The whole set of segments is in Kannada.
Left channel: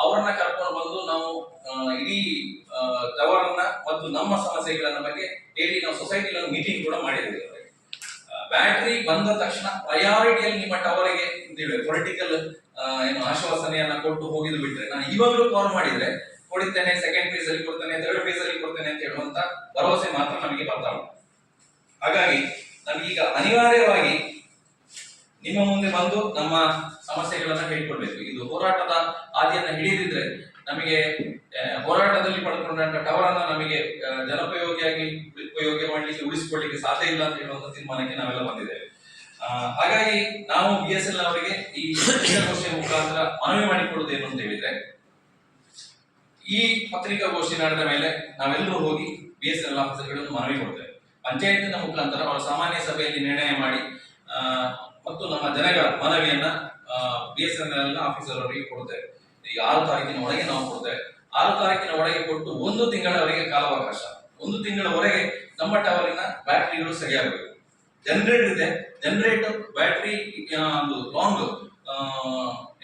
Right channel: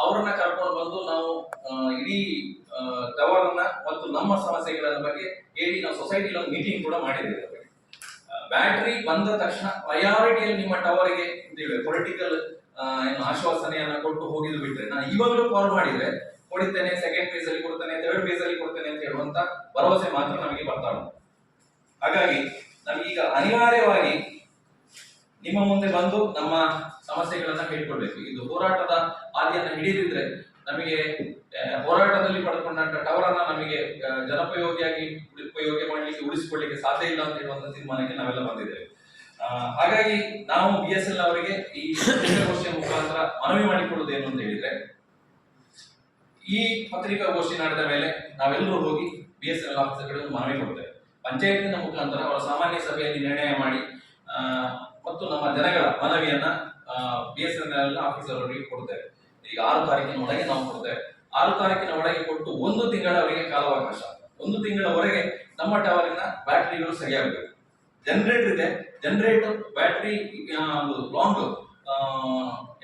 ಅವರನ್ನ ಕರ್ಕೊಂಡು ಬಂದು ನಾವು ಇಡೀ ಟವರ್ನ ಮತ್ತು ನಮ್ಮ ಸಮಸ್ಯೆಗಳನ್ನ ಬಗ್ಗೆ ಹೇಳಿ ನಾವು ಸೊಸೈಟಿಲಿ ಒಂದು ಮೀಟಿಂಗ್ ಕೂಡ ಮಾಡಿದ್ದೇವೆ ಬ್ಯಾಟ್ರಿ ಬಂದ ತಕ್ಷಣ ಪ್ರಯಾರಿಟಿಯಲ್ಲಿ ನಿಮ್ಮ ಟವರ್ಗೆ ಅಂತೇಳಿ ಪೊಲಿಟಿಕಲ್ ಏನು ಆಶ್ವಾಸನೆಯನ್ನ ಕೊಟ್ಟು ಹೋಗಿದ್ದು ಬಿಟ್ರೆ ನಾನು ಇವಾಗಲೂ ಕಾಲ್ ಮಾಡಿದ್ರೆ ಕೊಡಿತೇನೆ ಸೆಕೆಂಡ್ ಫೇಸ್ ಅಲ್ಲಿ ಕೊಡ್ತೇನೆ ತರ್ಡ್ ಫೇಸ್ ಅಲ್ಲಿ ಕೊಡ್ತೇನೆ ಅಂತ ಹೇಳುವಂತ ಭರವಸೆ ಮಾತ್ರ ನಮಗೆ ಬರ್ತಾ ಉಂಟು. ಹಾಗಾಗಿ, ನಮಗೀಗ ಅನಿವಾರ್ಯವಾಗಿ ನಿಮ್ಮ ಮುಂದೆ ಬಂದು ನಮ್ಮ ಸಮಸ್ಯೆಗಳನ್ನ ಹೇಳ್ಕೊಳ್ಬೇಕು ಇದು ಹೋರಾಟದ ಹಾದಿಯನ್ನ ಹಿಡಿದಿದ್ರೆ ನಮಗೆ ಹೋರಾಟದಲ್ಲಿ ಪಡ್ಕೊಂಡಂತ ಟವರನ್ನ ನಮಗೆ ಜನಪಯೋಗಿಯಾಗಿ ಉಪಯೋಗ ಮಾಡಲಿಕ್ಕೆ, ಉಳಿಸಿಕೊಳ್ಳಿಕ್ಕೆ ಸಾಧ್ಯ ಇಲ್ಲ ಅಂತ ಹೇಳುವಂತ ತೀರ್ಮಾನಕ್ಕೆ ನಾವೆಲ್ಲ ಬಂದಿದ್ದೇವೆ. ಹಾಗಾಗಿ ನಾವು ಬಿ ಎಸ್ ಎಲ್ ಅವರಿಗೆ ಈ ಪತ್ರಿಕಾಗೋಷ್ಠಿಯ ಮುಖಾಂತರ ಮನವಿ ಮಾಡಿಕೊಳ್ಳುವುದೇನು ಅಂತ ಹೇಳಿದ್ರೆ, ಈ ಪತ್ರಿಕಾಗೋಷ್ಠಿ ನಡೆದ ಮೇಲೆ ನಾವೆಲ್ಲರೂ ಹೋಗಿ ಬಿ ಎಸ್ ಎಲ್ ಆಫೀಸರ್ಗಳನ್ನು ಮನವಿ ಕೊಡ್ತೇವೆ. ಪಂಚಾಯತಿನ ಮುಖಾಂತರ ಅವರ ಸಾಮಾನ್ಯ ಸಭೆಯಲ್ಲಿ ನಿರ್ಣಯ ಮಾಡಿ ಮತ್ತು ನಮ್ಮ ಜನಗಳ ಮನವಿಯನ್ನ B S N L officer ಅವರಿಗೆ ಕೊಡ್ತೇವೆ. ಈಗ ಆರು ತಾರೀಕಿನ ಒಳಗೆ ನಾವು ಕೊಡ್ತೇವೆ. ಆರು ತಾರೀಕಿನ ಒಳಗೆ ಕೊಟ್ಟು ಒಂದು ತಿಂಗಳವರೆಗೆ ಕಾಲಾವಕಾಶ. ಒಂದು ತಿಂಗಳವರೆಗೆ ನಮ್ಮ ಟವರಿನ ಬ್ಯಾಟ್ರಿಗಳು ಸರಿಯಾಗಬೇಕು. ಜನರೇಟರ್ ಇದೆ. ಜನರೇಟರ್ ಬ್ಯಾಟ್ರಿ ಒಂದು ಲಾಂಗ್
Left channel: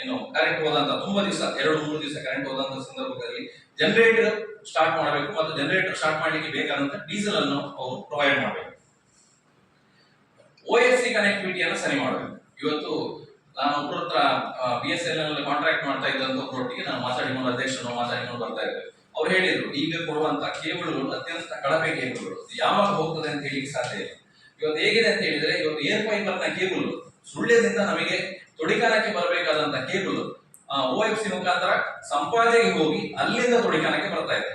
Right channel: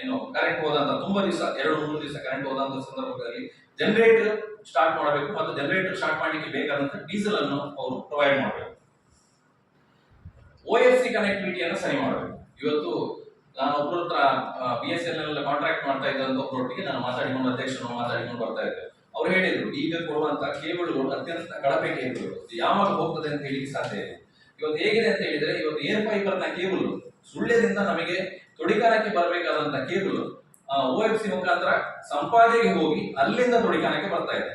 ಏನು ಕರೆಂಟ್ ಹೋದಂತ, ತುಂಬಾ ದಿವಸ, ಎರಡು, ಮೂರು ದಿವಸ ಕರೆಂಟ್ ಹೋದಂತ ಸಂದರ್ಭದಲ್ಲಿ ಜನರೇಟರ್ ಸ್ಟಾರ್ಟ್ ಮಾಡಬೇಕು. ಮತ್ತು ಜನರೇಟರ್ ಸ್ಟಾರ್ಟ್ ಮಾಡಲಿಕ್ಕೆ ಬೇಕಾದಂತ ಡೀಸೆಲ್ ಅನ್ನು ಅವರು ಪ್ರೊವೈಡ್ ಮಾಡಬೇಕು. ಓ ಎಸ್ ಸಿ ಕನೆಕ್ಟಿವಿಟಿಯನ್ನು ಸರಿ ಮಾಡಬೇಕು. ಇವತ್ತು ನಾನು ಒಬ್ಬರ ಹತ್ರ B S N L contract ಮಾಡ್ತಾ ಇದ್ದಂತ ಒಬ್ಬರೊಟ್ಟಿಗೆ ನಾನು ಮಾತಾಡಿಕೊಂಡು ಅಧ್ಯಕ್ಷರು ಮಾತಾಡಿಕೊಂಡು ಬರ್ತಾ ಇದ್ದೆ. ಅವ್ರು ಹೇಳಿದ್ರು, ಈಗ ಕೊಡುವಂತ ಕೇಬಲ್ಗಳು ಅತ್ಯಂತ ಕಳಪೆ ಕೇಬಲ್ಗಳು ಯಾವಾಗ ಹೋಗ್ತದೆ ಅಂತ ಹೇಳಿ ಸಾಧ್ಯ ಇಲ್ಲ. ಇವತ್ತು ಹೇಗಿದೆ ಅಂತ ಹೇಳಿದ್ರೆ, ಇವತ್ತು ಏರ್ ಫೈಬರ್ನ ಕೇಬಲ್ ಸುಳ್ಳ್ಯದಿಂದ ನಮಗೆ ತೊಡಿಕಾನಕ್ಕೆ ಬರಬೇಕಾದಂತ ಕೇಬಲ್ ಓ ಎಫ್ ಸಿ ಮುಖಾಂತರ ಸಂಪಾದನೆಗೆ ಹೋಗಿ ಅಲ್ಲಿಂದ ತೊಡಿಕಾನಕ್ಕೆ ಬರ್ತಾ ಇದೆ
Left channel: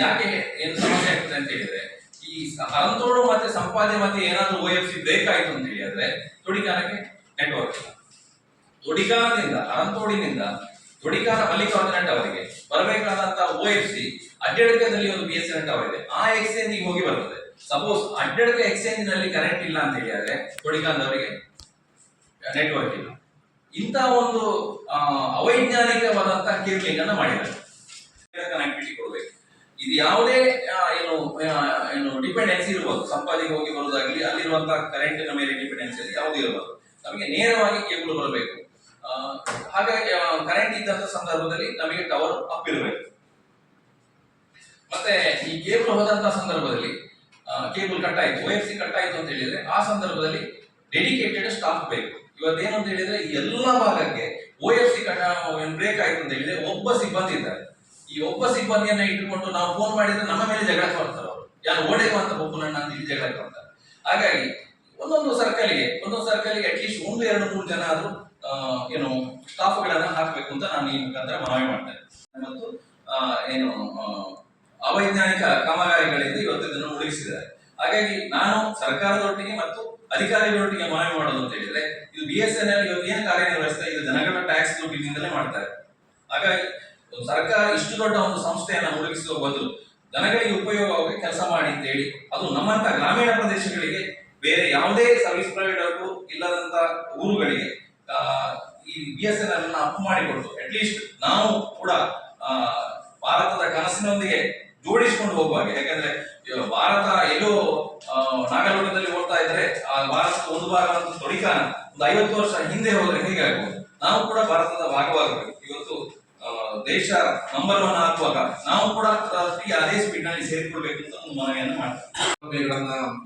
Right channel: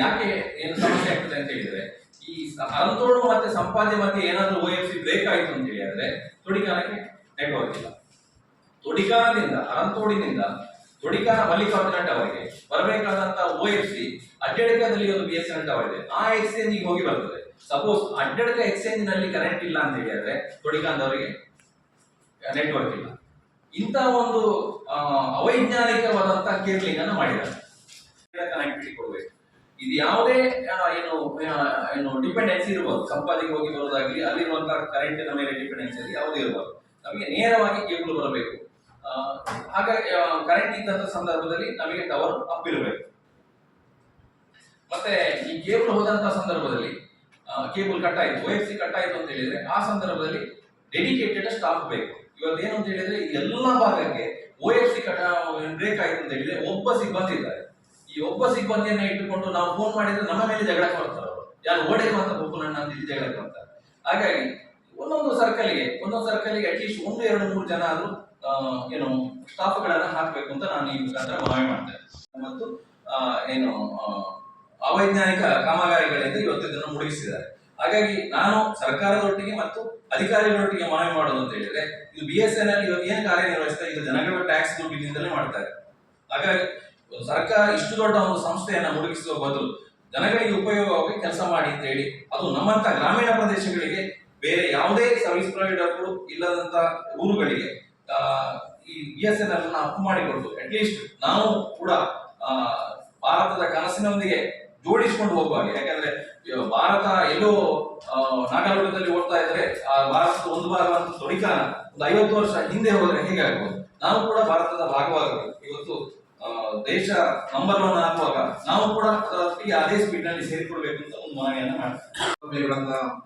ಯಾಕೆ ಏನು ಸಮಸ್ಯೆ ಆಗ್ತದೆ ಅಂತ ಹೇಳಿದ್ರೆ ಈ ಅರಂತೋಡು ಮತ್ತೆ ಸಂಪಾದನೆ ಮತ್ತೆ ಏನಾದ್ರೂ ಓ ಎಫ್ ಸಿ ಬೇಕಾಯ್ತು ಅಂತ ಹೇಳಿದ್ರೆ ತೊಡಿಕಾನಕ್ಕೆ ನೆಟ್ವರ್ಕ್ ಇಲ್ಲ. ಅರಂತೋಡಿನಿಂದ ತೊಡಿಕಾನ ಮಲ್ಲಿಕಾರ್ಜುನ ಅವರಿಗೆ ಬರಬೇಕಾದಂತ ಓ ಎಫ್ ಸಿ ಅಡ್ಡಡಕದಲ್ಲಿ ಒಂದು ಬಿ ಎಸ್ ಎನ್ ಟವರ್ ಇದೆ ಆ ಎಕ್ಸ್ಚೇಂಜ್ ಹೋಗಿ ಬರ್ತದೆ. ಸಪೋಸ್ ಅಡ್ಡಡಕ ಎಕ್ಸ್ಚೇಂಜ್ನಲ್ಲಿ ಕರೆಂಟ್ ಇಲ್ಲ ಅಂತ ಹೇಳಿದ್ರೆ ತೊಡಿಕಾನದವರಿಗೆ ನೆಟ್ವರ್ಕ್ ಇಲ್ಲ. ಇಂಥ ಒಂದು ಅವೈಜ್ಞಾನಿಕವಾದಂತಹ ಕೇರ್ಲಿಂಗ್ ಅನ್ನು ಮಾಡಿದ್ದಾರೆ. ಕನೆಕ್ಟಿವಿಟಿ ಕೊಡಬೇಕು. ಇದು ಯಾವುದೇ ಏನು ಏನು ಡಿಪೆಂಡೆನ್ಸಿ ಇರ್ಬೋದು. ಸಂಪಾದಿಗೆ ಹೋಗಿ ಬರೋದಾಗ್ಲಿ, ಅಲ್ಲಿರುವಂತಹ ಕರೆಂಟಿನ ಮೇಲೆ ಡಿಪೆಂಡೆನ್ಸಿ ಅಲ್ಲಿ ಯಾವುದೇ ಇರಬಾರ್ದು ನಮಗೆ ನೇರವಾಗಿ ಕೇಬಲ್ ಬರಬೇಕು. ಹಾಗಾಗಿ ಕರೆಂಟ್ ಇದ್ದಂತ ಸಂದರ್ಭದಲ್ಲಿ ನಮಗೆ ಟವರ್ ಅಪ್ ಇರಬೇಕು. ಮತ್ತೆ ಈ ಕೇಬಲ್ ಹೋದಂತಹ ಸಂದರ್ಭದಲ್ಲಿ ಕೇಬಲ್ ಕಟ್ ಆಯ್ತು ಸಿ ಕಟ್ ಆಯ್ತು ಅಂತ ಹೇಳಿದ್ರೆ, ಆ ಸಂದರ್ಭದಲ್ಲಿ ಡೆಡಿಕೇಟೆಡ್ ಸ್ಟಾಫ್ ಬೇಕು. ಇವತ್ತೇನು ಅಂತ ಹೇಳಿದ್ರೆ ಎಲ್ಲಾ ಭಾಗಕ್ಕೆ O F C cut break ಆಯ್ತು ಅಂತ ಹೇಳಿದ್ರೆ, ಒಬ್ಬ ಸಿಬ್ಬಂದಿ ಇದ್ದಾರೆ. ಈ ಒಬ್ಬ ಸಿಬ್ಬಂದಿಯನ್ನ ಇಟ್ಟುಕೊಂಡು ನಾವು ಫೋನ್ ಮಾಡಿದ್ರೆ ನಮ್ಮ ಮೇಲೆ ಜಗಳ ಬರ್ತಾರೆ ಅವರು. ಯಾರು ಓಡೇಕು ಅಂತ ಒಬ್ಬನನ್ನ ಅಂತ ಇಲ್ಲಿ ಜಗಳ ಬರ್ತಾರೆ ಹಾಗಾಗಿ ಒಂದೊಂದು ಸರ್ಕಲ್ಗೆ ಒಂದೊಂದು ಸರ್ಕಲ್ಗೆ ಅಟ್ಲೀಸ್ಟ್ ಒಂದು, ಎರಡು, ಮೂರು ಜನ ಆದ್ರೂ ಏನು ಸ್ಟಾಫ್ಗಳನ್ನ ಹಾಕಬೇಕು ಅಂತ ನಾನು ಈ ಮುಖಾಂತರ ಮನವಿ ಮಾಡ್ತೇನೆ ಮತ್ತು ಏನು ಅವೈಜ್ಞಾನಿಕ ಕಾಮಗಾರಿಗಳಿಂದ ಇವತ್ತು ಇದನ್ನು ಮುಳುಗಿಸಿದ್ದಾರೆ. ಹಾಗಾಗಿ ನಾನು ಸರ್ಕಾರದೊಟ್ಟಿಗೆ ಮತ್ತು ಅಧಿಕಾರಿಗಳೊಟ್ಟಿಗೆ ಮನವಿ ಮಾಡೋದು ಅಂತ ಹೇಳಿದ್ರೆ, ಇದು ಬಿ ಎಸ್ ಎನ್ ಎಲ್ ಇವತ್ತು ಏನು ಕಾರ್ಯನಿರ್ವಹಿಸ್ತಾ ಇದು? ಜನಗಳ ಟ್ಯಾಕ್ಸ್ ದುಡ್ಡಿನಿಂದಲೇ ಮಾಡ್ತಾರೆ ಹಾಗಾಗಿ ಸರ್ಕಾರ ಇಷ್ಟು ದೊಡ್ಡ ಒಂದು ಸಂಸ್ಥೆಯನ್ನ ಮುಳುಗಿಸುವ ಬದಲು ಜನಗಳಿಗೆ ಉಪಯೋಗವಾಗಿ ಕೆಲಸ ಮಾಡಿ ಅಂತ ಹೇಳಿ, ಅದು ನಮ್ಮಂತ ಗ್ರಾಮೀಣ ಪ್ರದೇಶಗಳಿಗೆ ಬೇರೆ ಯಾವುದೇ ಸರ್ವಿಸ್ ಪ್ರೊವೈಡರ್ಗಳು ಇಲ್ಲದಂತ ಊರುಗಳಿಗೆ ಈ ಬಿ ಎಸ್ ಎನ್ ಅನ್ನು ಅಪ್ ಮಾಡಿಕೊಟ್ಟು ಅಟ್ಲೀಸ್ಟ್ ನಾವು ಕೂಡ ಭಾರತದ ಕನಸಿನೊಂದಿಗೆ ಜೋಡಿಸಿಕೊಂಡು ಹೋಗುವಾಗೆ, ಯಾಕಂದ್ರೆ ಭಾರತ ಎಲ್ಲೋ ನಾಗಲೋಟದಲ್ಲಿ ಓಡ್ತಾ ಇದ್ರೆ ಆ ಭಾರತದ ಒಂದು ಭಾಗವಂತ ತೊಡಿಕಾನ ಒಂದು ಐವತ್ತು ವರ್ಷ ಹಿಂದೆ ಹೋದ್ರೆ ಹೇಗಾಗ್ಬೋದು? ನಾವು ಕೂಡ ಭಾರತದ ಭಾಗವಾಗಬೇಕು. ಇವತ್ತು ದೇಶ ನಂಬರ್ ಒನ್ ಆಗುವಾಗ ನಾವು ಕೂಡ ಅದೇ ಸ್ಪೀಡ್ನಲ್ಲಿ ಸೇರಿಕೊಳ್ಬೇಕು ಅಂತ ಒಂದು ಮನವಿಯನ್ನ ಮಾಡ್ತೀವಿ.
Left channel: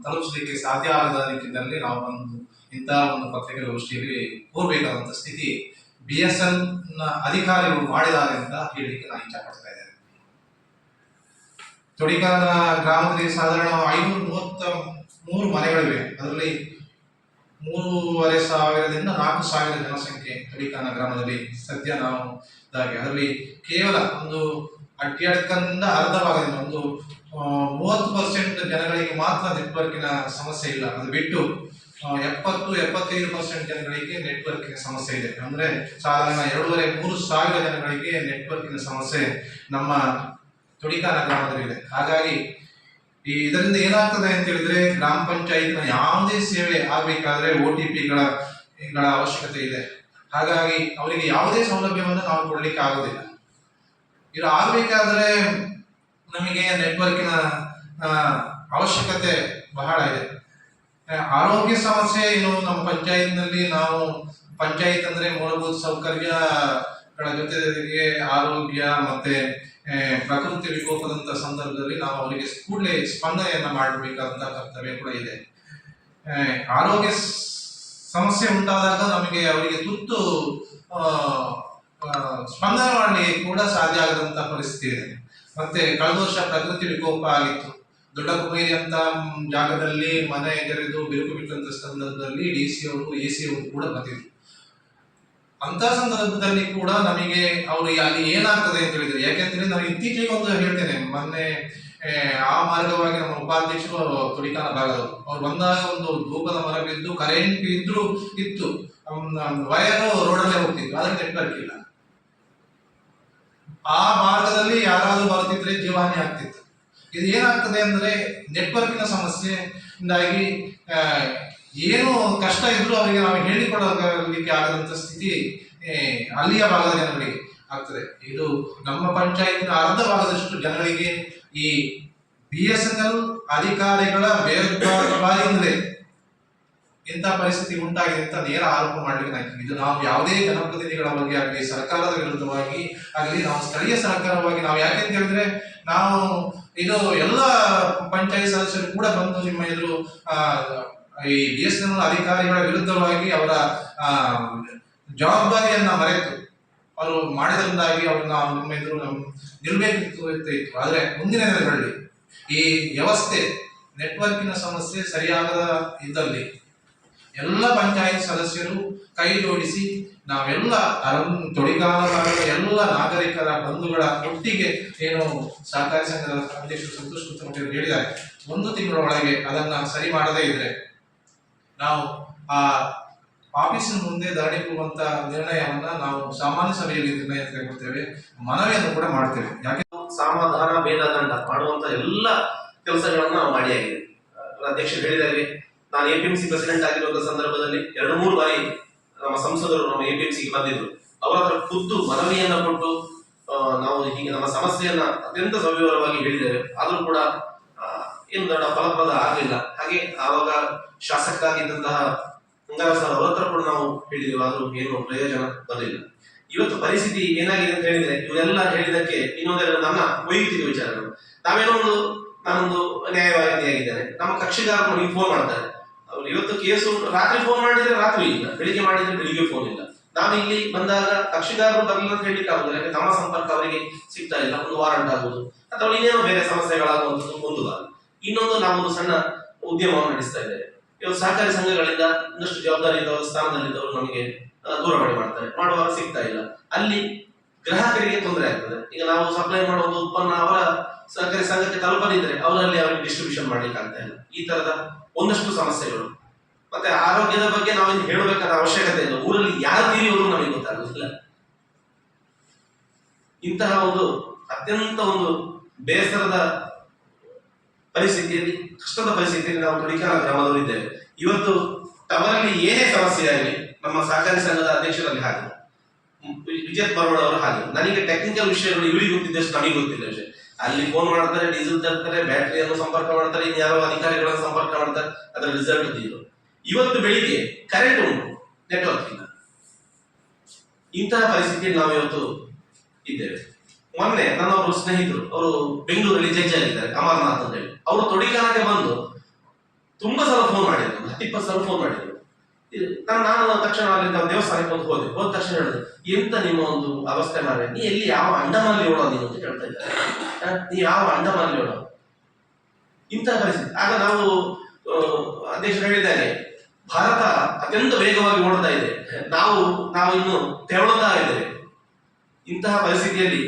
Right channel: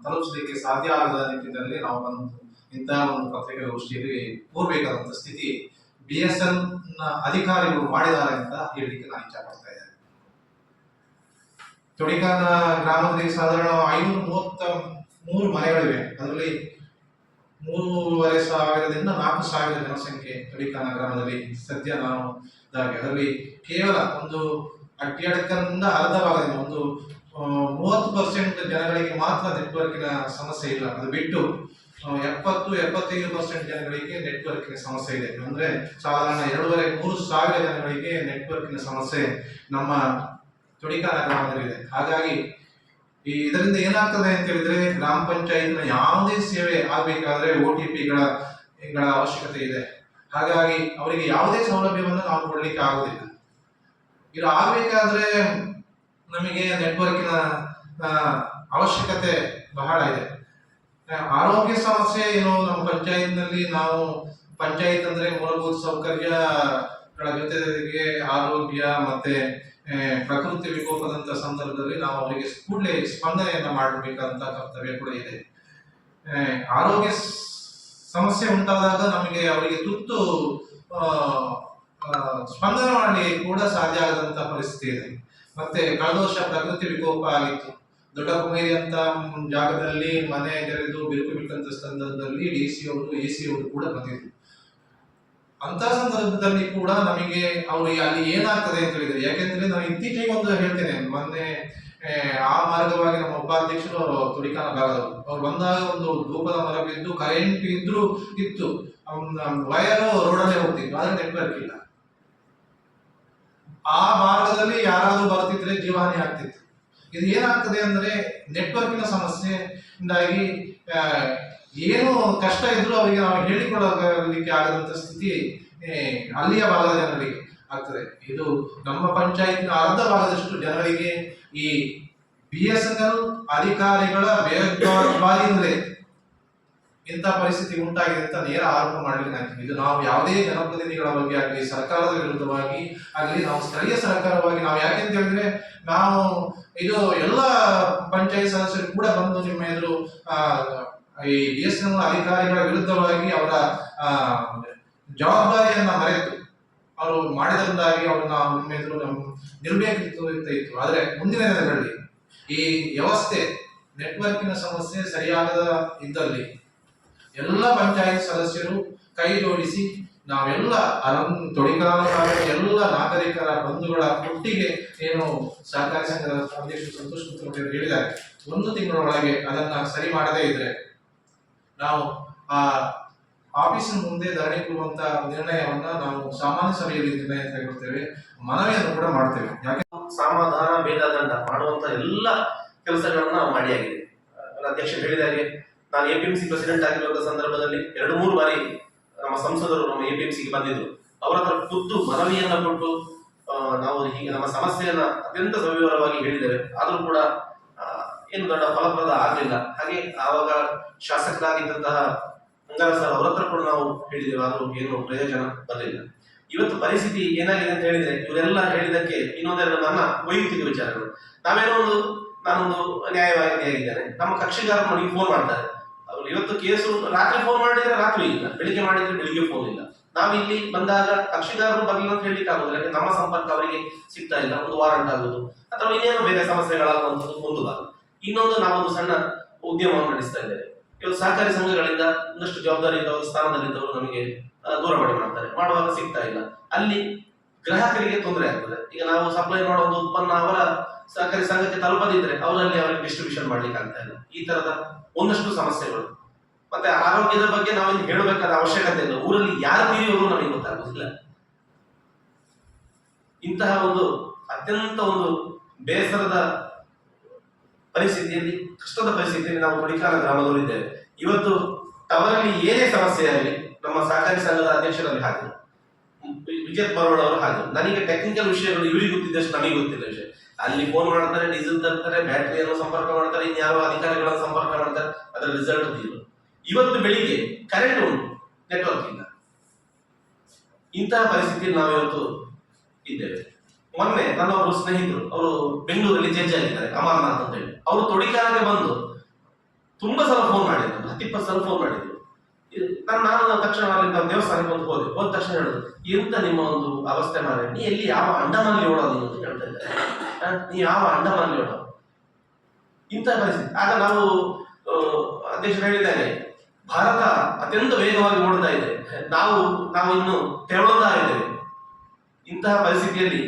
ತಲುಪಿಸಲಿಕ್ಕೆ ಸಾಧ್ಯ ಆಗದ ನಿಟ್ಟಿನಲ್ಲಿ ನಾವು ಒಂದು ಇಂತಹ ಒಂದು ಪತ್ರಿಕಾಗೋಷ್ಠಿಯಲ್ಲಿ ಕೋರ್ಬೇಕಾದಂತ ಸ್ಥಿತಿ ಬಿ ಎಸ್ ಎನ್ನ ಅಧಿಕಾರಿಗಳು ಮಾಡಿದ್ದಾರೆ ಅಂತ ಹೇಳಲಿಕ್ಕೆ ನಾನು ಇಚ್ಛೆ ಪಡ್ತಾ ಇದ್ದೇನೆ. ತೊಡಿಕಾನ ಗ್ರಾಮದಲ್ಲಿ ಸಾಧಾರಣ ಐನೂರ ಮೂವತ್ತ ಮೂರು ಮನೆಗಳಿವೆ. ಅದರಲ್ಲಿ ಮೂರುವರೆ ಸಾವಿರದಿಂದ ನಾಲ್ಕು ಸಾವಿರ ಜನಸಂಖ್ಯೆ ತೊಡಿಕಾನ ಗ್ರಾಮದಲ್ಲಿ ಸದ್ಯ ನಾವು ಇದಾಗಿ ಅದರಲ್ಲಿ ಕೇವಲ ಒಂದು ಅಡ್ಡಡ್ಕದಿಂದ ಅರ್ಧ ಭಾಗದಿಂದ ಒಂದು ಮೂವತ್ತು ಪರ್ಸೆಂಟ್ ಜನಗಳಿಗೆ ಮಾತ್ರ ನೆಟ್ವರ್ಕಿನ ಸಮಸ್ಯೆ ಇಲ್ಲ. ಅದು ಬಿಟ್ಟು ಎಪ್ಪತ್ತು, ಎಪ್ಪತ್ತೈದು ಪರ್ಸೆಂಟ್ ಜನಗಳಿಗೆ ನೆಟ್ವರ್ಕಿನ ಸಮಸ್ಯೆ ಇದೆ. ಅಂದ್ರೆ ಸಾಧಾರಣ ಎರಡೂವರೆ, ಮೂರು ಸಾವಿರ ಜನಗಳಿಗೆ ನೆಟ್ವರ್ಕಿನ ಸಮಸ್ಯೆ ನಮ್ಮ ತುಡಿಕಾನ ಗ್ರಾಮದಲ್ಲಿದೆ ಹಾಗಾಗಿ ಈ ಇದರಿಂದ ಏನಾಗ್ತದೆ ಅಂತ ಹೇಳಿದ್ರೆ ಗ್ರಾಮ ಪಂಚಾಯತ್ನ ಯಾವುದೇ ಸೇವೆ ಆಗಬೇಕಾದ್ರೆ ಓ ಟಿ ಪಿಗಳ ಅವಶ್ಯಕತೆ ಇದೆ. ಹಾಗಾಗಿ ಅವರಿಗೆ ಯಾವುದೇ ಸೌಲಭ್ಯವನ್ನು ನಾವು ಕೊಡಲಿಕ್ಕೆ ಆಗುದಿಲ್ಲ ಇದು ಆಗ್ಬೇಕಾದ್ರೆ ನಮಗೆ ನೆಟ್ವರ್ಕಿನ ಅವಶ್ಯಕತೆ ಬಹಳ ಇದೆ. ಆರೋಗ್ಯ ಸಮಸ್ಯೆ ಏನು? ನಮ್ಮ ಪಂಚಾಯತ್ನಲ್ಲಿ ನಾವು, ಪಂಚಾಯತ್ ಅಂದ್ರೆ ಮೂಲಭೂತ ಸೌಕರ್ಯ ಜೊತೆಗೆ ಆರೋಗ್ಯ ಮತ್ತೆ ಪ್ರಕೃತಿ ವಿಕೋಪದಂತ ಸಂದರ್ಭದಲ್ಲಿ ನಾವು ಅವರಿಗೆ ಕೂಡಲೇ ಸ್ಪಂದನೆಯನ್ನ ಮಾಡಬೇಕಾದಂತ ಕರ್ತವ್ಯ ಕೂಡ ಇದೆ. ಆರೋಗ್ಯ ಸಮಸ್ಯೆ ಉಂಟಾದಾಗ ನಮಗೆ ಅವರಿಗೆ ತುತ್ತು ಸ್ಪಂದನೆ ಮಾಡಲಿಕ್ಕೆ ಕೂಡ ಸಾಧ್ಯ ಆಗದಂತ ಪರಿಸ್ಥಿತಿ ಇದೆ. ಮತ್ತೆ ಕಳೆದ ವರ್ಷ ಪ್ರಕೃತಿ ವಿಕೋಪ ಆಗಿತ್ತು. ದೊಡ್ಡ ಕುಮೇರಿ ಅಂತ ಜಾಗದಲ್ಲಿ ಮನೆ ತೆರೆದು ಬಿರುಕು ಬಿಟ್ಟಂತ ಸಂದರ್ಭದಲ್ಲಿ ಡಿ ಸಿ ಅವರು ಎ ಸಿ ಅವರು ಕೂಡ ಬಂದಿದ್ರು ಅಂತ ಸಂದರ್ಭದಲ್ಲಿ ಕೂಡ ನಮಗೆ ಅವರು ಅಲ್ಲಿ ಏನಾಗ್ತದೆ ಅಂತ ಹೇಳಿದ್ರು. ಯಾಕೆಂದ್ರೆ ನಾನು ಇತ್ತೀಚೆಗೆ ಒಂದು ಹೇಳ್ತೇನೆ, ಮೊನ್ನೆ ಆ, ಮಾರ್ಗವಾಗಿ ನಮ್ಮ ಉಪಾಧ್ಯಕ್ಷರು ತುಡಿಕಾನ ಬಾರದು ಅವ್ರು ಬಂದಾಗ ಒಂದು ಧೂಪದ ಮರ ಬಿದ್ದು ಕರೆಂಟ್ ಇದ್ರು ಇತ್ತು. ವಯರು ರೋಡಲ್ಲೇ ಹೋಗ್ತಿತ್ತು ಆದ್ರೆ ನೆಟ್ವರ್ಕ್ ಇಲ್ಲ. ಆ ಮಾರ್ಗದಲ್ಲಿ ಯಾರಾದ್ರೂ ಬರ್ತಿದ್ರೆ ಜೀವಹಾನಿ ಆಗ್ತಿತ್ತು. ಇದು ಏನಾಗ್ತದೆ ಅಂದ್ರೆ ನೆಟ್ವರ್ಕಿನ ಸಮಸ್ಯೆಯಿಂದಾಗಿ ಏನು ಕಷ್ಟ ಇದ್ರೂ ಅವರಿಗೆ ನಾವು ಹೇಳಿಕೊಡಲಿಕ್ಕೆ ಆಗದಂತ ಸ್ಥಿತಿ ಅಲ್ಲಿಯ ಭಾಗದ ಜನಗಳಿಗೆ ಆಗ್ತದೆ. ಇದು ನಮ್ಮ ಪಂಚಾಯತ್ನ ಅರ್ಧ ಭಾಗದಷ್ಟು ಜನಗಳಿಗೆ ಈ ಬಿ ಎಸ್ ಎನ್ ಎಲ್ ಅಧಿಕಾರಿಗಳ ಬೇಜವಾಬ್ದಾರಿಯಿಂದಲೇ ಇಂಥ ಪರಿಸ್ಥಿತಿ ಉಂಟಾಗಿದೆ ಅಂತ ನೇರ ಆರೋಪ ಮಾಡಲಿಕ್ಕೆ ನಾನು ಇದು ನಾವು ಯಾವುದೇ ಜನಪ್ರತಿನಿಧಿಗಳ ಬಗ್ಗೆ ಆಗಲಿ, ಸರ್ಕಾರದ ವಿರುದ್ಧವಾಗಿ ಆಗಲಿ, ನಾವು ಸ್ಥಳೀಯ ಸರ್ಕಾರವಾಗಿ ನಾವು ಯಾಕೆ ಅಂತ ಹೇಳಿದ್ರೆ, ನಾವು ಇದು ಎಲ್ಲ ಪಂಚಾಯತ್ ಸದಸ್ಯರು ಕೂಡ ಬಂದು ನಿಮ್ಮ ಎದುರು ಈ ಬಿ ಎಸ್ ಎನ್ ಎಲ್ ಅಧಿಕಾರಿಗಳ ವಿರುದ್ಧವಾಗಿ ಅವರ ಜವಾಬ್ದಾರಿಯನ್ನ ಮರೆತು ಅವರು ಮಾಡಿದ್ರಿಂದಾಗಿ ಅವ್ರನ್ನ ನಿಮ್ಮ ಎದುರು ಇತ್ತು. ಆದ್ರೆ ಮುಂದಿನ ದಿನಗಳಲ್ಲಿ ಈ ವ್ಯವಸ್ಥೆ ನೆಟ್ವರ್ಕಿನ ಸಮಸ್ಯೆ ಸರಿಯಾಗದ ಇದ್ದಲ್ಲಿ ಎಲ್ಲ ಪಂಚಾಯತ್ ಸದಸ್ಯರು ಕೈ ಜೋಡಿಸಿ ನಾವೆಲ್ಲ ಅರಂ ಎಲ್ಲ ನಾಗರಿಕರ ಬಂಧುಗಳ ಒಟ್ಟಿಗೆ ಏನು ಸಹಕಾರಿ ಸಂಘದ ಅಧ್ಯಕ್ಷರು ಸಂತೋಷ್ ಕುತ್ತಮಟ್ಟಿ ಅವರು ಹೇಳಿದ್ದಾರೆ. ಒಂದು ತಿಂಗಳ ಒಳಗೆ ಅದನ್ನ ಸರಿ ಮಾಡದೇ ಇದ್ರೆ ನಾವು ಆ ಆಫೀಸಿನ ಮುಂದೆ ಕೊಡುವಂತ ನಿರ್ಣಯವನ್ನ ನಾವು ಸಾಮಾನ್ಯ ಸಭೆಯಲ್ಲಿ ನಿರ್ಣಯ ತೆಗೆದುಕೊಳ್ತೇವೆ, ಮನವಿಯನ್ನು ಕೂಡ ಮಾಡ್ತೇವೆ. ಯಾಕೆ ಸಮಾಧಾನ ಭೇದದಂಡ ಮಾಡುವಂತ ಎಲ್ಲ ಕೆಲಸಗಳನ್ನ ನಾವು ಮಾಡಿ ಆಗಿದೆ. ಅಧ್ಯಕ್ಷರು ಹೇಳಿದ ಹಾಗೆ ನಾನು A P M C president ಆಗಿರುವಂತ ಸಂದರ್ಭದಲ್ಲಿ ಎರಡು, ಮೂರು ಬಾರಿ ನಮ್ಮ ಸಂಸದರು ನಮ್ಮ ಎ ಪಿ ಎಂ ಸಿ ಬಂದಿದ್ರು. ಅವರ ಹತ್ರ ಖುದ್ದು ಮನವಿಯನ್ನ ಕೊಟ್ಟು ನಾವು ಹೀಗೆ ನಮ್ಮ ಸಮಸ್ಯೆಯನ್ನ ಅತ್ಯಂತ ಸವಿವರವಾಗಿ ಹೇಳಿದ್ದೇವೆ. ಆದರೂ ಕೂಡ ಏನು ದೊಡ್ಡ ಫಲಪ್ರದ ಆಗಲಿಲ್ಲ. ಹಾಗೆ ಆವಾಗ ಶಾಸಕರಾಗಿದ್ದಂತಹ ಅಂಗಾರ ಸರ್, ಅವರ ಹತ್ರ ಕೂಡ ನಾವು ಹೇಳಿದ್ದೇವೆ ಆದ್ರೂ ಏನು ಪ್ರಯೋಜನ ಬರಲಿಲ್ಲ ಇವತ್ತು ಪರಿಸ್ಥಿತಿ ಏನಾಗಿದೆ ಅಂತ ಹೇಳಿದ್ರೆ, ಇವರೆಲ್ಲ ಹೇಳಿದಕ್ಕೆ ಇನ್ನೊಂದೆರಡು ನನ್ನ ವೈಯಕ್ತಿಕ ವಿಚಾರಗಳು. ನಾವೇನೋ ಒಂದು, ನಾನೊಂದು ನ್ಯಾಯವಾದಿಯಾಗಿದ್ದೇನೆ ನಮ್ಮ ಕಕ್ಷಿಗಾರರು ನನಗೆ ಫೋನ್ ಮಾಡ್ತಾರೆ. ಅವ್ರು ಇವತ್ತು ಕೇಸು ರಾತ್ರಿ ಫೋನ್ ಮಾಡಿದ್ರೆ ರಾತ್ರಿ ಇಲ್ಲ. ಬೆಳಿಗ್ಗೆ ಮಾಡಿದ್ರೆ ಬೆಳಿಗ್ಗೆ ಫೋನ್ ಇಲ್ಲ. ನಾವು ಇಲ್ಲಿ ಬಂದಾಗ ಕಕ್ಷಿಗಾರರು ಬರಲಿಲ್ಲ ಅಂತ ಹೇಳಲಿಕ್ಕೆ ಆಗುದಿಲ್ಲ. ಯಾಕಂದ್ರೆ ನಮ್ಮ ಸಂಪರ್ಕ ಅವರಿಗೆ ಸಿಗ್ತಾ ಇಲ್ಲ. ಒಂದು ವಾರಂಟ್ ಆಗುವುದು. ಅಥವಾ ಇನ್ನೇನೋ ಬೇರೆ ಸಮಸ್ಯೆಗಳಾಗುವಂಥದ್ದು, ಒಂದು ಭಾಗ ಇನ್ನೊಂದು ನಾವೊಂದು ಸಣ್ಣ ಉದ್ಯಮವನ್ನು ನಡೆಸ್ತಾ ಇದ್ದೇವೆ. ಇವತ್ತು ಸಹಕಾರಿ ಸಂಘಗಳಿಂದ ಒಂದಷ್ಟು ಜವಾಬ್ದಾರಿ ಇದ್ದವರು ಸ್ಥಾನದಲ್ಲಿದ್ದವರು ನಮಗೆ ದೂರವಾಣಿ ಮಾಡ್ತಾರೆ. ಮಾಡುವಾಗ ಸಿಗ್ತಾ ಇಲ್ಲ. ಅಲ್ಲಿ ಗ್ರಾಹಕರಿಗೆ ತೊಂದರೆ ಆಗ್ತದೆ. ಈಗ ನಾವು ಸಪ್ಲೈ ಮಾಡುವ ಒಂದು ಉತ್ಪನ್ನ ಅವರ ಸಹಕಾರಿ ಸಂಘಕ್ಕೆ ತಲುಪದಿದ್ರೆ ಅವರಲ್ಲಿ ಅವರಿಗೆ ಡಿಸ್ಟ್ರಿಬ್ಯೂಷನ್ ಮಾಡ್ಲಿಕ್ಕೆ ಆಗ್ತಾ ಇಲ್ಲ. ಈ ತರದ ಒಂದಷ್ಟು ಸಮಸ್ಯೆಗಳು. ಮತ್ತೆ ಆರೋಗ್ಯದ ಬಗ್ಗೆ ನಾವೇನು ಹೇಳಬೇಕಾದ ಅವಶ್ಯಕತೆ ಇಲ್ಲ. ಊರಲ್ಲಿ ಯಾರು ನಮಗೆ ಗೊತ್ತಾಗುದಿಲ್ಲ. ಇಂತಹ ಒಂದು ಅತ್ಯಂತ ಒಂದು ಬೇಸರದ ಪರಿಸ್ಥಿತಿಯಲ್ಲಿ, ಕಷ್ಟದ ಪರಿಸ್ಥಿತಿಯಲ್ಲಿ ನಾವು ತುಡಿಕಾಲ ಗ್ರಾಮದವರು ಇದ್ದೇವೆ. ಇವತ್ತು ಟವರಲ್ಲಿ ಏನೇ ಸಮಸ್ಯೆ ಆಗಲಿ, ನಮ್ಮ ಸಹಕಾರಿ ಸಂಘದ ಅಧ್ಯಕ್ಷರಲ್ಲಿ ಹಾಗೆ. ವಿಜಯತ್ ಬರೋಡ್ ಅವರು ಹಾಗೆ. ನನಗೆ ಟೆಕ್ನಿಕಲ್ ವಿಷಯಗಳು ಇವರಿಗೆ ಗೊತ್ತಿದ್ದಷ್ಟು ನಮಗೆ ಗೊತ್ತಿಲ್ಲ ವಿಷಯ. ಅಲ್ಲಿ ಫೋನ್ ಮಾಡ್ತಾರೆ ಡೀಸೆಲ್ ತರ್ತಾರೆ ಬ್ಯಾಟ್ರಿಯನ್ನು ಸಂಪರ್ಕ ಮಾಡ್ತಾರೆ ಇನ್ಯಾರೋ ಅಧಿಕಾರಿಗಳನ್ನು ಸಂಪರ್ಕ ಮಾಡ್ತಾರೆ, ಅದರ ರಿಸಲ್ಟ್ ಇದು. ಇವತ್ತು ಬೆಳಿಗ್ಗೆ ಕರೆಂಟ್ ಉಂಟು ನೆಟ್ವರ್ಕ್ ಇಲ್ಲ. ಇಂತಹ ಪರಿಸ್ಥಿತಿಯಲ್ಲಿ ನಾವು ಇವತ್ತು ಇದ್ದೇವೆ. ಮೊನ್ನೆ ನನ್ನ ಒಬ್ಬರು ಸ್ನೇಹಿತರು, ಅವರು ಬೆಂಗಳೂರಲ್ಲಿ ಜಡ್ಜ್ ಆಗಿದ್ದಾರೆ ಅಮರ್ನಾಥ್ ಅಂತ ಹೇಳಿ. ಅವರು ತೊಡಿಕಾಲಕ್ಕೆ ಬಂದು ತುಂಬಾ ಸಲ ಫೋನ್ ಮಾಡಿದ್ರು, ಹತ್ತಿಪ್ಪತ್ತು ಸಲ ಫೋನ್ ಮಾಡಿದ್ರು. ನಾನು ನಾನು ತಕ್ಷಣ ಅಲ್ಲಿಂದ ದೇವಸ್ಥಾನಕ್ಕೆ ಬಂದು ಹೋದೆ. ಹೋದ ತಕ್ಷಣ ಹೇಳಿದ್ರು, ಎಂತ ನಿಮ್ಮ ಒಂದು ಅವಸ್ಥೆ ಮಾರೆ ನೀ ಎಲ್ಲಿ ಯಾವ ಅಂಡಮಾನಲ್ಲಿ ಓಡೋ? ನೀನು ಅಂತ ಕೇಳ್ತಾ ಇದ್ದಾರೆ ನೀ ಯಾವ ಅಂಡಮಾನಲ್ಲಿ ಓಡೋ? ಇಂಥ ಪರಿಸ್ಥಿತಿ. ಆಗ ನಾವು ಅಧ್ಯಕ್ಷರು ಹೇಳಿದ್ದಾರೆ, ಭಾರತ ಅತ್ಯಂತ ವೇಗವಾಗಿ ಓಡ್ತಾ ಇದೆ. ನಾವು ನಾವು ಇನ್ನು ತೆವಳುತ್ತಾ ಇದ್ದೇವೆ. ಇಂತಹ ಪರಿಸ್ಥಿತಿಯಲ್ಲಿ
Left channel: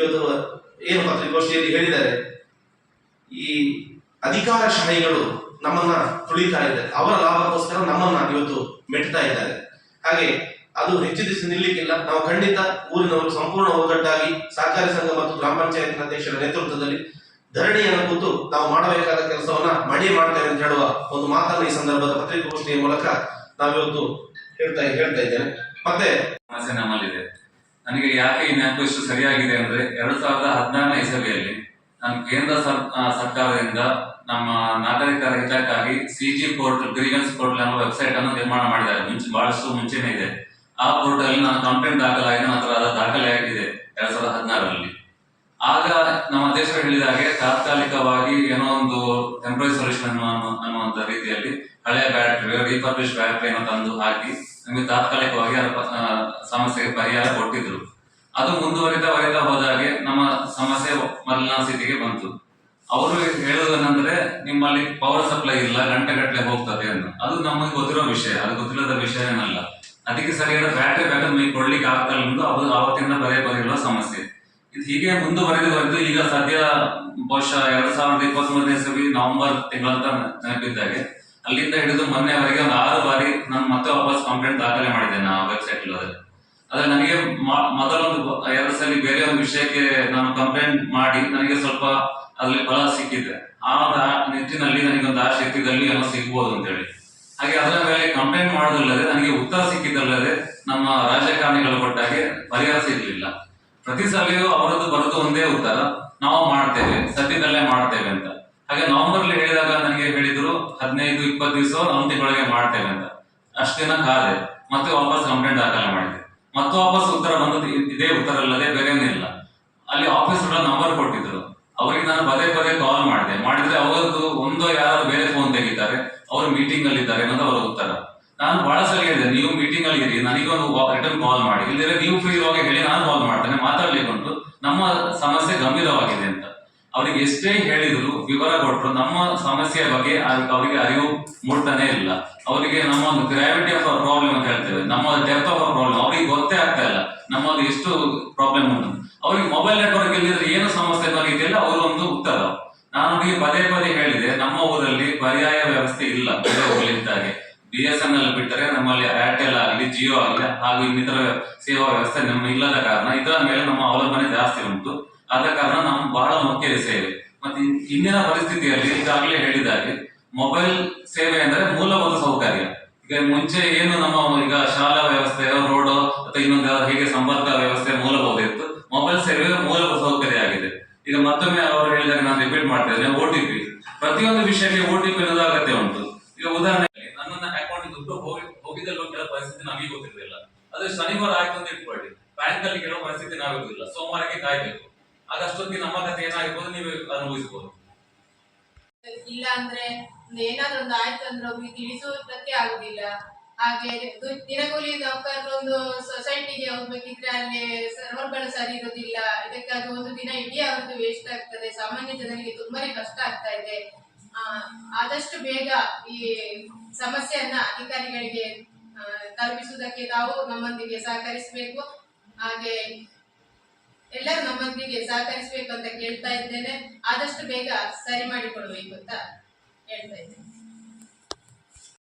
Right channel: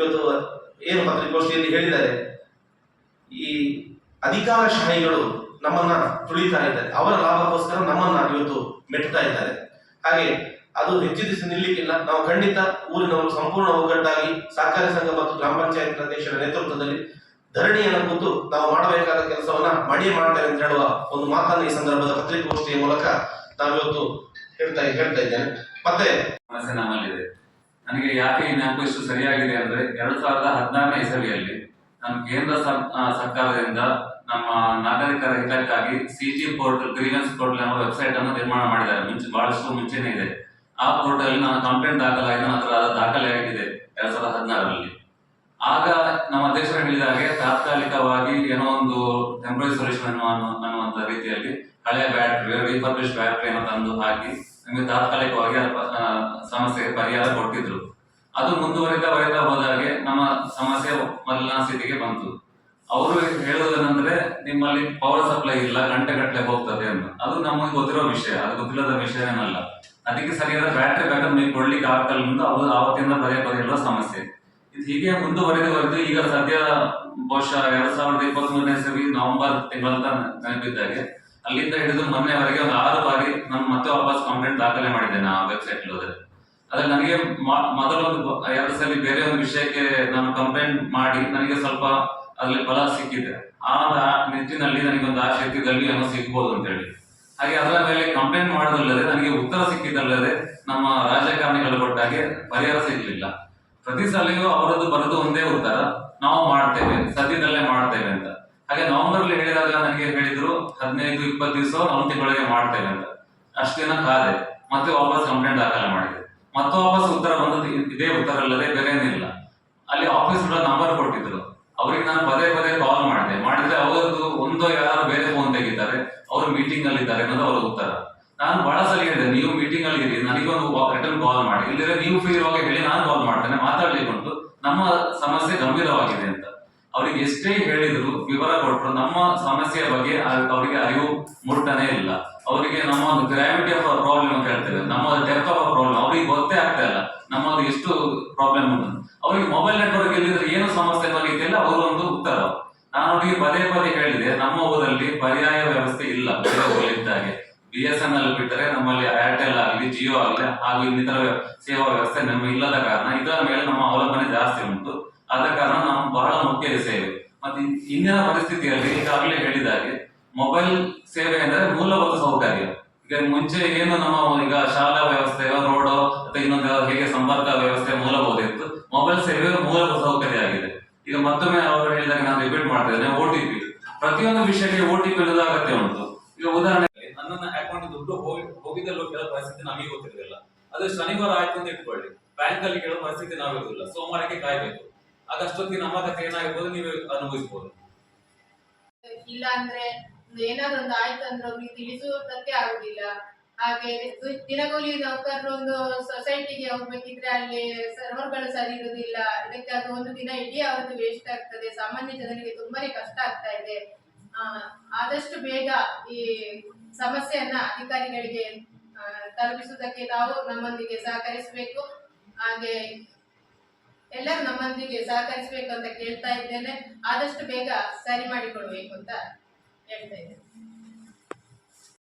ಇವತ್ತು ಏನು ಪತ್ರಿಕೋಷ್ಠಿಯಲ್ಲಿ ಹೇಳಿದ್ದಾರೆ, ಈ ಅಧಿಕಾರ ಅಧಿಕಾರಶಾಹಿಗಳು ನಮ್ಮನ್ನ ತುಳಿತಾ ಇದ್ದಾರೆ. ಅವರ ಲಾಭಕ್ಕೋಸ್ಕರ ನಮ್ಮನ್ನ ಇವತ್ತು ಮೆಟ್ತಾ ಇದ್ದಾರೆ. ಹಾಗೆ ಅದು ಹೆಚ್ಚು ದಿವಸ ನಿಲ್ಲಿಕ್ಕಿಲ್ಲ. ನಾವು ಖಂಡಿತ ಊರಿನವರು ಸಂಪೂರ್ಣ ಒಗ್ಗಟ್ಟಾಗಿ ಸಹಕಾರಿ ಸಂಘ ಮತ್ತು ಗ್ರಾಮ ಪಂಚಾಯತ್ ಅಧ್ಯಕ್ಷರ ನೇತೃತ್ವದಲ್ಲಿ ಧರಣಿಯನ್ನು ಕೂತು ನಾವು ಮಾಡಬೇಕಾದ ಕೆಲಸವನ್ನ ಮಾಡಿ ಮಾಡ್ತೇವೆ ಅಂತ ಹೇಳುವ ಒಂದು ಮಾತನ್ನು ಈ ಸಂದರ್ಭದ ಪತ್ರಿಕಾಗೋಷ್ಠಿಯ ಮೂಲಕ ನಾವಿವತ್ತು ಹೇಳ್ತಾ ಹೇಳ್ತಾ ಇದ್ದೇನೆ. ಮತ್ತೆ ಸಮಸ್ಯೆ ನಮ್ಮಲ್ಲಿದೆ ನನಗೆ ಯಾಕೆ ಈ ಇಷ್ಟು ಸರಿಯಾಗಿದೆ ಅಂದ್ರೆ ಎರಡ್ ಸಾವಿರದ ಹದಿನಾರನೇ ಇಸವಿಯಲ್ಲಿ ನಾನು ಕೇಂದ್ರ ಸರ್ಕಾರದಿಂದ ನಮ್ಮ ನಾಗರಿಕರ ಹಿತಕ್ಕಾಗಿ C G portal, grievance portal ಅನ್ನೋ ವೆಬ್ಸೈಟ್ ಅನ್ನು ನಿರ್ಮಾಣ ಮಾಡಿದ್ದಾರೆ. ಮುಂಚೆ ಬಹಳಷ್ಟು ಮುಂಚೆನೇ ಇದೆ. ಆ ಪೋರ್ಟಲ್ ನಾನು ಕಂಪ್ಲೇಂಟ್ ದಾಖಲಾಗಿ ನಂತರ ದಾಖಲೆಯಾಗಿದೆ ದಾಖಲೆ ಆಗಿದೆ ಎರಡ್ ಸಾವಿರದ ಹದಿನಾರರಲ್ಲಿ. ಆಗ ನಮ್ಮ ದೇಶ ಹೇಳಿದ ಹಾಗೆ ತಾತ್ಕಾಲಿಕವಾಗಿ ಏನೋ ಒಂದು ಟೆಂಪ್ರರಿ ಸೊಲ್ಯೂಷನ್ ಅನ್ನುವ ಅನ್ನುವಂತ ರೀತಿಯಲ್ಲಿ ಹಳೆಯ ಬ್ಯಾಟ್ರಿ ರಿಫರ್ಬಿಶ್ ಬ್ಯಾಟ್ರಿಯನ್ನು ತಂದು ಹಾಕಿ ನಮಗೆ ತಾತ್ಕಾಲಿಕವಾಗಿ ಸಮಸ್ಯೆಗೆ ಪರಿಹಾರ ಕೊಟ್ಟಿದ್ರು. ಅದು ಮುಂದುವರಿತಾ ವರಿತಾ ಹೋದಾಗೆ ನಮ್ಮ ಸಮಸ್ಯೆ ಮೊದಲಿನ ಸ್ಥಿತಿಗೆ ಬಂತು. ಅವರು ಹೇಳುವುದೇನೆಂದ್ರೆ, ನಿಮ್ಮಲ್ಲಿ ಪವರ್ ಸಪ್ಲೈ ಇಲ್ಲ, ಗಂಟೆಗಟ್ಟಲೆ ಹೋಗ್ತದೆ ಅಂತ. ಅದು ನಮಗೆ ಗೊತ್ತಿರೋ ವಿಷಯ, ಅದು ಗೊತ್ತಿಲ್ಲದ ವಿಷಯ ಏನಲ್ಲ. ಅದಕ್ಕೆ ಸರಿಯಾದ ಬ್ಯಾಟ್ರಿ ಬ್ಯಾಕಪ್ ಮೇಲೆ ಕೊಡ್ಲಿಕ್ಕೆ ಆಗ್ತಲ್ಲ ಎಂದು ಅವರು ಆವತ್ತಿಂದ ಬರೆಯುವ ಸಮಸ್ಯೆ. ಇದು ಹೀಗೆ ಮುಂದುವರೆದು ಬಂದು ಈಗ ಸದ್ಯ ಬಹುಶಃ ಎರಡ್ ಸಾವಿರದ ಇಪ್ಪತ್ತ್ ಮೂರನೇ ಇಸವಿ ನವೆಂಬರ್ ತಿಂಗಳಂತ ನೆನಪಿದ್ದಾಗೆ ಅಲ್ಲಿಂದ ಹಿಡಿದು ಮೊನ್ನೆವರೆಗೆ ಒಂದು ಆರು ಬಾರಿ ನಾನು ಮತ್ತೆ ವಾಪಸ್ ಕಂಪ್ಲೇಂಟ್ ದಾಖಲೆ ಮಾಡಿದ್ದೇನೆ ಆ ವೆಬ್ಸೈಟ್ ಹೋದ್ರೆ ಆದ್ರೆ ನನಗೆ ಮೊದಲೊಂದು ಎರಡು ಸಲ ಬೇರೆ ಒಂದು ವಿಷಯಕ್ಕೆ ನಾನು ಕಂಪ್ಲೇಂಟ್ ಮಾಡಿ ನನಗೆ ಸ್ವಲ್ಪ ಅದರಲ್ಲಿ ಫಲ ಸಿಕ್ಕಿದೆ. ಆದ ನಿಟ್ಟಿನಲ್ಲಿ ನನಗೆ ಒಂದು ಆಶೆ ಇತ್ತಿದ್ದಲ್ಲಿ ಏನೋ ಸಿಗ್ಬೋದು ಅಂತ ಹೇಳಿ ಹಾಗೆ ಅದರ ಮೇಲೆ ಕಂಪ್ಲೇಂಟ್ ಮಾಡೋದಲ್ಲದೆ ನನಗೆ ಉತ್ತರ ಸಿಕ್ಕಿದ್ದಲ್ಲದೆ ನಮ್ಮ ರಾಜಕಾರಣಿಗಳು ಕೊಟ್ಟಾಗೆ ಪರಿಹಾರ ಸಿಗಲಿಲ್ಲ. ಪ್ರತಿ ಸಲಿಯೂ ಅವರದ್ದು ಬರೋದು ಒಂದೇ ಉತ್ತರ, ನಾವು ಮಾಡ್ತೇವೆ, ಸದ್ಯದಲ್ಲೇ ಮಾಡ್ತೇವೆ ಅಂತ. ಹಾಗೆ ನವೆಂಬರ್ ಅಲ್ಲಿ ಹೇಳಿದಾಗ ನನಗೆ ಹೇಳಿದ್ರು, ಹದಿನೈದು, ಇಪ್ಪತ್ತು ದಿವಸ ಒಂದು ತಿಂಗಳಿಗೆ ಮಾಡ್ತೇವೆ ಅಂತ. ಅಷ್ಟು ದಿನ ಕಾದೆ. ಮತ್ತೆ ವಾಪಸ್ ಕಂಪ್ಲೇಂಟ್ ದಾಖಲೆ ಮಾಡಿದೆ. ಮತ್ತೆ ವಾಪಸ್ ಉತ್ತರ ಬಂದದ್ದು ಇದೇ ಉತ್ತರ ಅಲ್ಲದೆ ಬೇರೆ ಇಲ್ಲ. ಅಲ್ಲಿ ಆಫೀಸ್ ನಂಬರ್ ಕೊಟ್ಟಿದ್ರು. ಅವರಿಗೆ ನಾನು ಪದೇ ಪದೇ ಕಾಲ್ ಮಾಡಿದೆ. ಮಾಡಿದ್ರೆ ಅವರದ್ದು ಒಂದೋ ಯಾರು ಬೇರೆ ಫೋನ್ ತೆಗಿತಾರೆ, ಅವರು ಮೀಟಿಂಗ್ ಅಲ್ಲಿ ಇದ್ದಾರೆ ಅನ್ನೋದು ಅವರ ಉತ್ತರ. ನಾನು ಬಹಳ ಸಲ ಹೇಳಿದೆ, ನೀವು ಮೀಟಿಂಗ್ ಅಲ್ಲಿ ಇರಿ, ನನಗೊಂದು ರಿಟರ್ನ್ ಕಾಲ್ ಮಾಡಿ. ಇಲ್ಲದ್ರೆ ನೀವು ಫ್ರೀ ಇರುವಾಗ ಹೇಳಿ, ನಾನು ಕಾಲ್ ಮಾಡ್ತೇನೆ ಮಾತಾಡ್ಲಿಕ್ಕೆ ಉಂಟು ನಮ್ಮ ಅಂತ ಅವರಿಗೆ ಎಷ್ಟೇ ಹೇಳಿದ್ರು ವಿವರ ಕೊಟ್ಟರು ನಮ್ಮ ಸಮಸ್ಯೆಯ ಬಗ್ಗೆ ಅವ್- ಅವರಿಗೆ ಅರಿವು ಮೂಡ್ತಾನೆ ಇಲ್ಲ. ಅವರಿಗೆ ನಮ್ಮ ಒಂದು ಗ್ರಾವಿಟಿ ಆಫ್ ಅವರ್ ಪ್ರಾಬ್ಲಮ್ ಅಂತ ಹೇಳ್ತೇವೆ. ನಮ್ಮ ಡೆಪ್ತ್ ಆಫ್ ಪ್ರಾಬ್ಲಮ್ ಅವರಿಗೆ ಗೊತ್ತೇ ಆಗ್ತಾ ಇಲ್ಲ. ನಮ್ಮದು ಎಷ್ಟು ಪ್ರಾಬ್ಲಮ್ ಉಂಟು. ಅವರಿಗೆ ಮೊಬೈಲ್ ನೆಟ್ವರ್ಕ್ ಇಲ್ಲದ್ರೆ ಏನು ಸಮಸ್ಯೆ ಅನ್ನೋ ರೀತಿಯಲ್ಲಿ ಅವರು ಒಂದು ಉತ್ತರ. ನಾನು ಅವರಿಗೆ ಪದೇ ಪದೇ ಹೇಳಿದೆ, ನಮ್ಮ ಊರಲ್ಲಿ ಪರ್ಯಾಯ ವ್ಯವಸ್ಥೆ ಇಲ್ಲ ಬೇರೆ ಬಿ ಎಸ್ ಎನ್ ಎಲ್ ಬಿಟ್ಟರೆ ನಮ್ಮಲ್ಲಿ ಏರ್ಟೆಲ್ ಆಗಲಿ ಜಿಯೋ ಆಗಲಿ, ಹಾಗೂ ಇನ್ನಿತರ ಸೇವಾ ವ್ಯವಸ್ಥೆ ನಮ್ಮ ಇಲ್ಲದ ಕಾರಣ, ಇದರ ಮೇಲೆ ನಮ್ಮ ಅವಲಂಬನೆ ಜಾಸ್ತಿ ಉಂಟು. ಆದ ಕಾರಣ ನಾವು ಬಹಳ ಮುಖ್ಯ ಸೇವೆ ಮತ್ತೆ ಇಂದಿನ ಪರಿಸ್ಥಿತಿಯಲ್ಲಿ ಈಗಾಗಲೇ ಹೇಳಿದಾಗೆ ಮೊಬೈಲ್ ಸೇವೆ ಅಂದ್ರೆ ಮೂಲಭೂತ ಸೌಕರ್ಯ. ಈಗ ಮುಂಚೆ ಏನು ನಮ್ಮ ಈಗ ಶಾಲಾ ವ್ಯವಸ್ಥೆ, ರೋಡ್ ಅಥವಾ ಇನ್ನೊಂದು ಹೇಗೆ ಸಂಪರ್ಕ ವ್ಯವಸ್ಥೆ ಮೂಲಭೂತ ಇತ್ತು, ಮೊಬೈಲ್ ಸೇವೆ ಮೂಲಭೂತ ಸೌಕರ್ಯ ಆಗಿದೆ. ಈಗ ಮತ್ತೊಮ್ಮೆ ಅವರು ಹೇಳಿದಾಗ ನಾನು ರಿಪೀಟ್ ಮಾಡ್ತಾ ಇದ್ದೇನೆ ಓ ಪ್ರತಿಯೊಂದು ವಿಷಯಕ್ಕೆ ಓ ಟಿ ಪಿ ಅಗತ್ಯ ಉಂಟು. ಈಗ ಉದಾಹರಣೆಗೆ ನನ್ನ ಅಕೌಂಟ್ ದುಡ್ಡು ಹೋಗಿ, ಹೋಗಿದ್ದಲ್ಲೋ ಕೆಲವು ಪರಿಸ್ಥಿತಿ ನಮಗೆ ಗೊತ್ತಿರಲಿಲ್ಲ. ಅದು ಶನಿವಾರ ಆಯ್ತು ಅಂತ ಇಟ್ಕೊಳ್ಳಿ. ಬ್ಯಾಂಕ್ ಅಲ್ಲಿ ಕೆಲವು ಪರಿಸ್ಥಿತಿ ನಾವಿರುವುದಿಲ್ಲ. ಸೋಮವಾರಕ್ಕೆ ಕಾಯ್ಬೇಕು. ಆಗಷ್ಟೊತ್ತಿಗೆ ನಮ್ಮ ಕಥೆ ಏನಾಗಿರ್ಬೋದು ನೀವು ಅನುಭವಿಸಬಹುದು ಇಲ್ಲ ಅಂದ್ರೆ ಏನಾದ್ರು ಒಂದು ಆಯ್ತು ಅಂದ್ರೆ ಅವ್ರಿಗೆ ತಿಳಿಸುವುದಕ್ಕೆ ಆಗುದಿಲ್ಲ. ಹಾಗೆ ದಿನಗೂಲಿ ನೌಕರರು ಒಂದು ಸೊಸೈಟಿಗೆ ಹೋಗ್ಬೇಕಿದ್ರೆ ಅಲ್ಲಿ ಸರ್ವರ್ಗಳು ಸರಿ ಇರುವುದಿಲ್ಲ ಇದಕ್ಕಾಗಿ ಒಂದು ದಿನ ಇಡೀ ಅವ್ರದ್ದು ವೇಸ್ಟ್ ಆಗ್ತದೆ. ಸಾಮಾನ್ಯ ಜನರಿಗೆ ತುಂಬಾನೇ ಕಷ್ಟ ಆಗ್ತಾ ಇದೆ. ಆದಷ್ಟು ಬೇಗ ಈ ಸಮಸ್ಯೆಯನ್ನ ಅಧಿಕಾರಿಗಳಿಗೆ ತಲುಪಿಸುವುದಕ್ಕೆ ತಾವು ನಮ್ಮೊಂದಿಗೆ ಸಹಕರಿಸಬೇಕು. ಹಾಗೆ ಎಲ್ಲರೂ ನಮ್ಮೊಂದಿಗೆ ಸಹಕರಿಸಬೇಕು ಅಂತ ಕೇಳ್ತಾ ಇದ್ದೇನೆ. ಆದಷ್ಟು ಬೇಗ ಸರಿ ಮಾಡಿಕೊಡ್ಬೇಕು ಅಂತ ಹೇಳ್ತಾ ಇದ್ದೇನೆ.